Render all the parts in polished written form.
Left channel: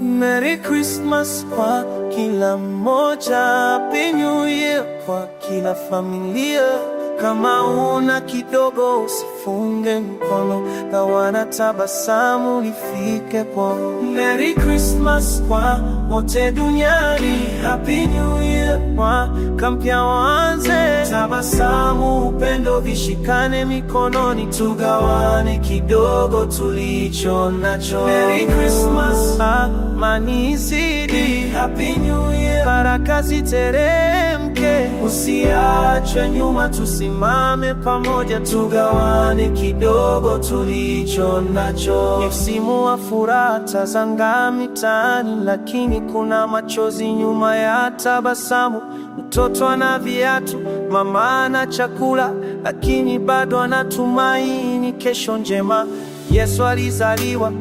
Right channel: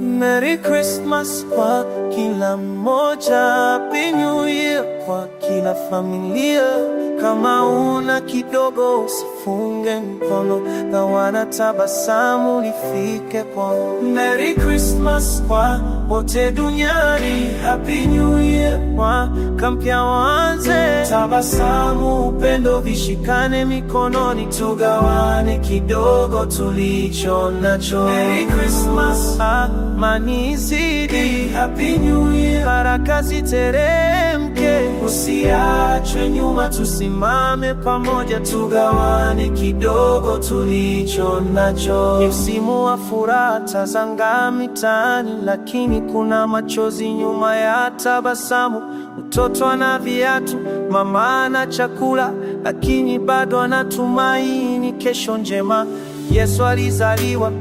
Merry Christmas kwa kila mmoja, Happy New Year kwa kila familia. Kama una kidogo usifunge mkono, gawana tabasamu lifike kwao. Merry Christmas kwa wote duniani, Happy New Year. Mwaka mpya uanze, tabasamu, upendo vishikane mikononi, tugawane kidogo tulicho nacho. Merry Christmas, amani izidi, Happy New Year. Baraka ziteremke, usiache nyuma, tusimame pamoja, tugawane kidogo tulicho nacho. Ni msimu wa furaha, tazanga mitaani, lakini kuna machozi nyuma ya tabasamu. Mtoto ana viatu, mama ana chakula, lakini bado anatumaini kesho njema. Yesu alizaliwa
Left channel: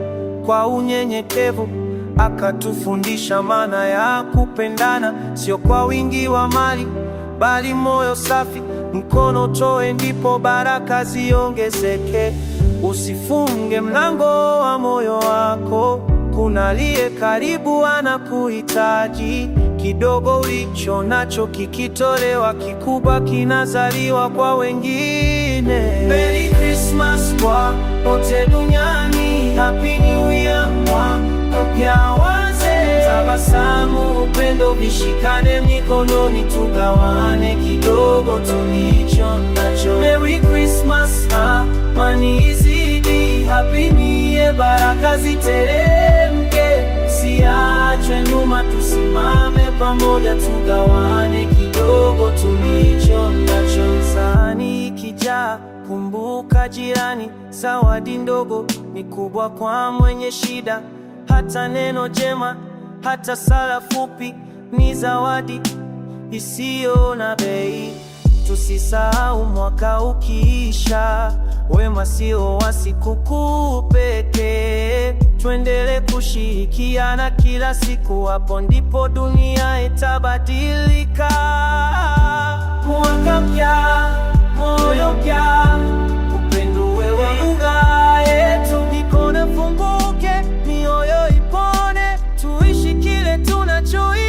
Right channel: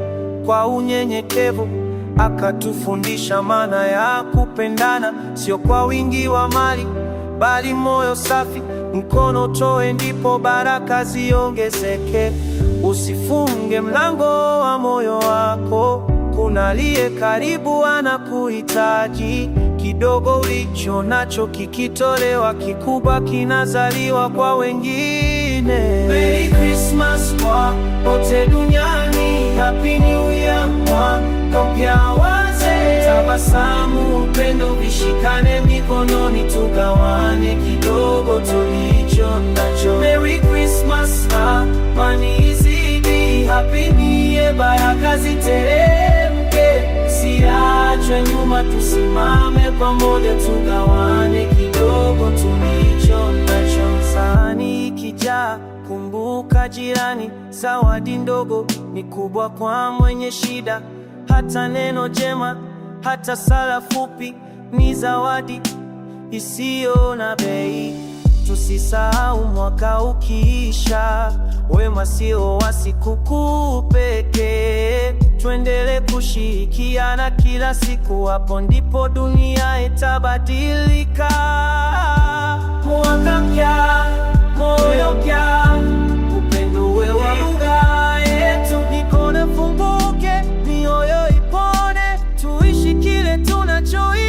kwa unyenyekevu, akatufundisha maana ya kupendana, sio kwa wingi wa mali, bali moyo safi. Mkono toe, ndipo baraka ziongezeke. Usifunge mlango wa moyo wako, kuna aliye karibu anakuhitaji. Kidogo ulicho nacho kikitolewa, kikubwa kinazaliwa kwa wengine. Merry Christmas kwa wote duniani, Happy New Year. Mwaka mpya uanze, tabasamu, upendo vishikane mikononi, tugawane kidogo tulicho nacho. Merry Christmas, amani izidi, Happy New Year. Baraka ziteremke, usiache nyuma, tusimame pamoja, tugawane kidogo tulicho nacho. Sahani ikijaa, kumbuka jirani, zawadi ndogo ni kubwa kwa mwenye shida. Hata neno jema, hata sala fupi ni zawadi isiyo na bei. Tusisahau mwaka ukiisha, wema sio wa sikukuu pekee. Tuendelee kushirikiana kila siku, hapo ndipo dunia itabadilika. Mwaka mpya, moyo mpya, upendo uwe wa lugha yetu. Mikono funguke, mioyo ipone, tuishi kile tunachoimba.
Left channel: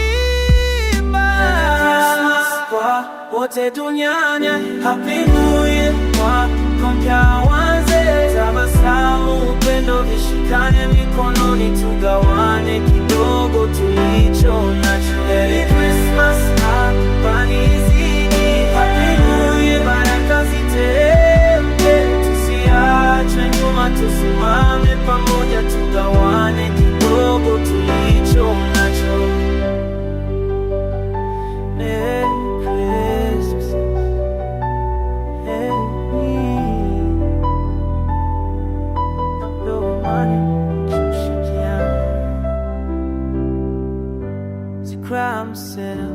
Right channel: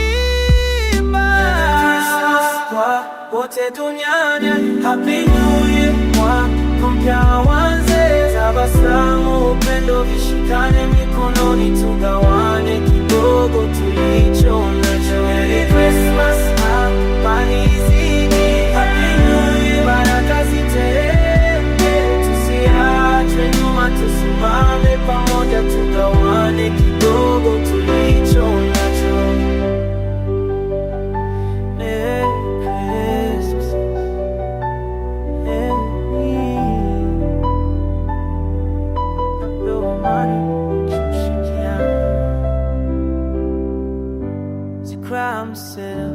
Kwa wote duniani, Happy New Year. Mwaka mpya uanze, tabasamu, upendo vishikane mikononi, tugawane kidogo tulicho nacho. Merry Christmas, amani izidi, Happy New Year. Baraka ziteremke, tusiache nyuma, tusimame pamoja, tugawane kidogo tulicho nacho. Merry Christmas, ndogo amani kushikiana, zikramsela